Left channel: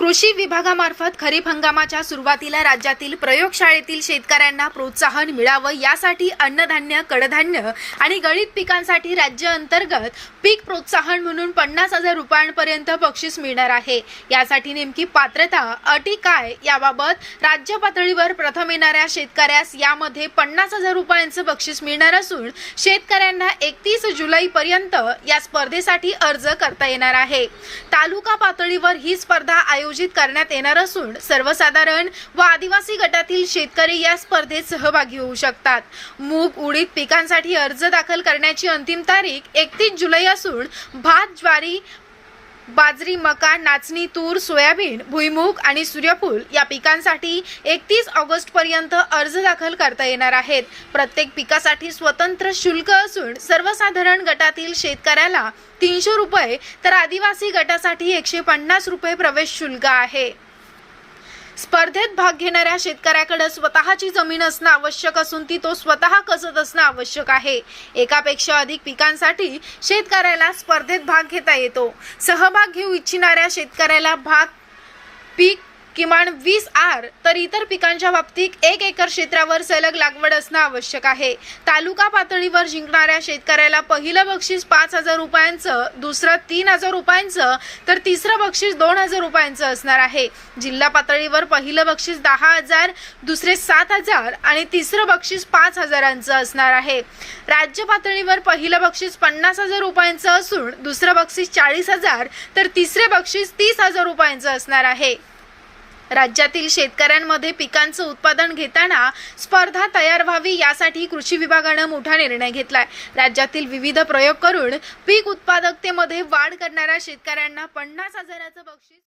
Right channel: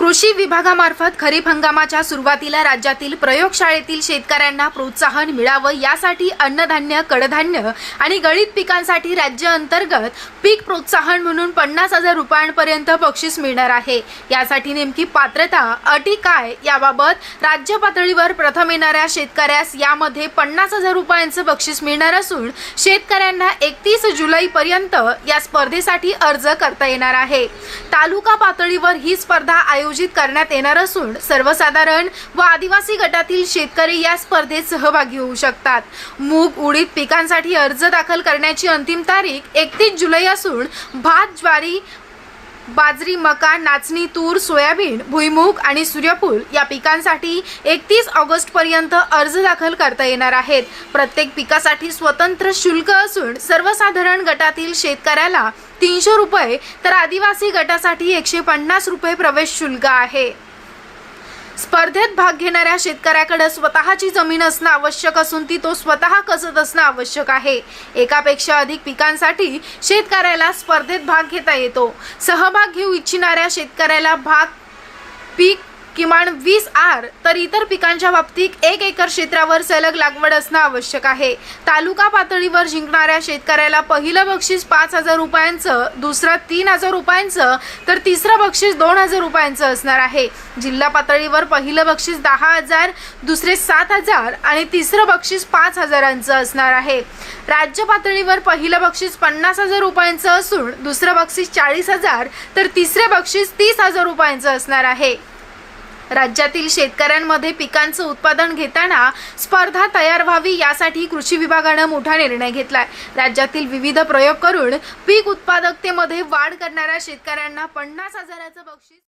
कृषी विभागामार्फत खरीप हंगामाच्या सुरुवातीला राज्यातील प्रयोगशाळेतील शेतकऱ्यांना प्रोत्साहन मिळावं यासाठी अन्नधान्य कडधान्य आणि गळीत पिकांसाठी राज्य अंतर्गत पीक प्रोत्साहन म्हणून पन्नास हजार रुपयांपर्यंत बक्षीस मिळणार आहे. यासाठी नेमकी पात्रता अटी काय याबाबत राज्य पातळीवर प्रथम येणाऱ्या शेतकऱ्यास यामध्ये पन्नास हजार रुपयांचं बक्षीस मिळणार असून शेतकऱ्यांना एकतीस जुलैपर्यंत या स्पर्धेसाठी अर्ज करता येणार आहे. तालुका पातळीवर ही स्पर्धा आयोजित करण्यात येणार असून सर्वसाधारण व आदिवासी गटातील शेतकरी या स्पर्धेत सहभागी होऊ शकतात. मूग उडीद पिकांसाठी अर्ज दाखल करण्याची अंतिम तारीख एकतीस जुलै असून भात ज्वारी बाजरी मका नाचणी तूर सोयाबीन भुईमूग आणि सूर्यफूल या पिकांसाठी एकतीस ऑगस्ट पर्यंत अर्ज दाखल करता येणार आहेत. प्रत्येक पिकासाठी स्वतंत्र शुल्क असून सर्वसाधारण गटातील शेतकऱ्याला तीनशे रुपये तर आदिवासी गटासाठी एकशे पन्नास रुपये प्रवेश शुल्क आहे. स्पर्धेत भाग घेणाऱ्या शेतकऱ्याकडे स्वतःची जमीन असणं आवश्यक असून ती तो स्वतः कसत असणं आवश्यक आहे. एकापेक्षा अधिक पिकांसाठी शेतकऱ्याला स्पर्धेत भाग घेता येतो. सहभाग घेऊ इच्छिणाऱ्या शेतकऱ्याला भाग पीक किमान वीस आर तर इतर पिकांच्या बाबतीत एक एकर क्षेत्रावर सलग लागवड असणं आवश्यक आहे. तालुका पातळीवर जिंकणाऱ्या शेतकऱ्याला पहिलं बक्षीस पाच हजार रुपयांचं दुसरं तीन हजार रुपयांचं तर तिसरं बक्षीस दोन हजार रुपयांचं असणार आहे. जिल्हा पातळीवर पहिलं बक्षीस दहा हजार दुसरे सात हजार आणि तिसरं बक्षीस पाच हजारांचं असणार आहे. राज्य पातळीवर पहिलं बक्षीस पन्नास हजार रुपयांचं असून दुसरं बक्षीस चाळीस हजार तर तिसरे बक्षीस तीस हजार रुपयांचं असणार आहे. राज्यातील शेतकऱ्यांमध्ये पिकांचं उत्पादन घेताना स्पर्धा तयार व्हावी यासाठी कृषी विभागानं मोठा निर्णय घेतलाय. राज्यातील विविध प्रयोग करून पीक उत्पादकतेमध्ये वाढ करणाऱ्या शेतकऱ्यांना पन्नास हजाराचं बक्षीस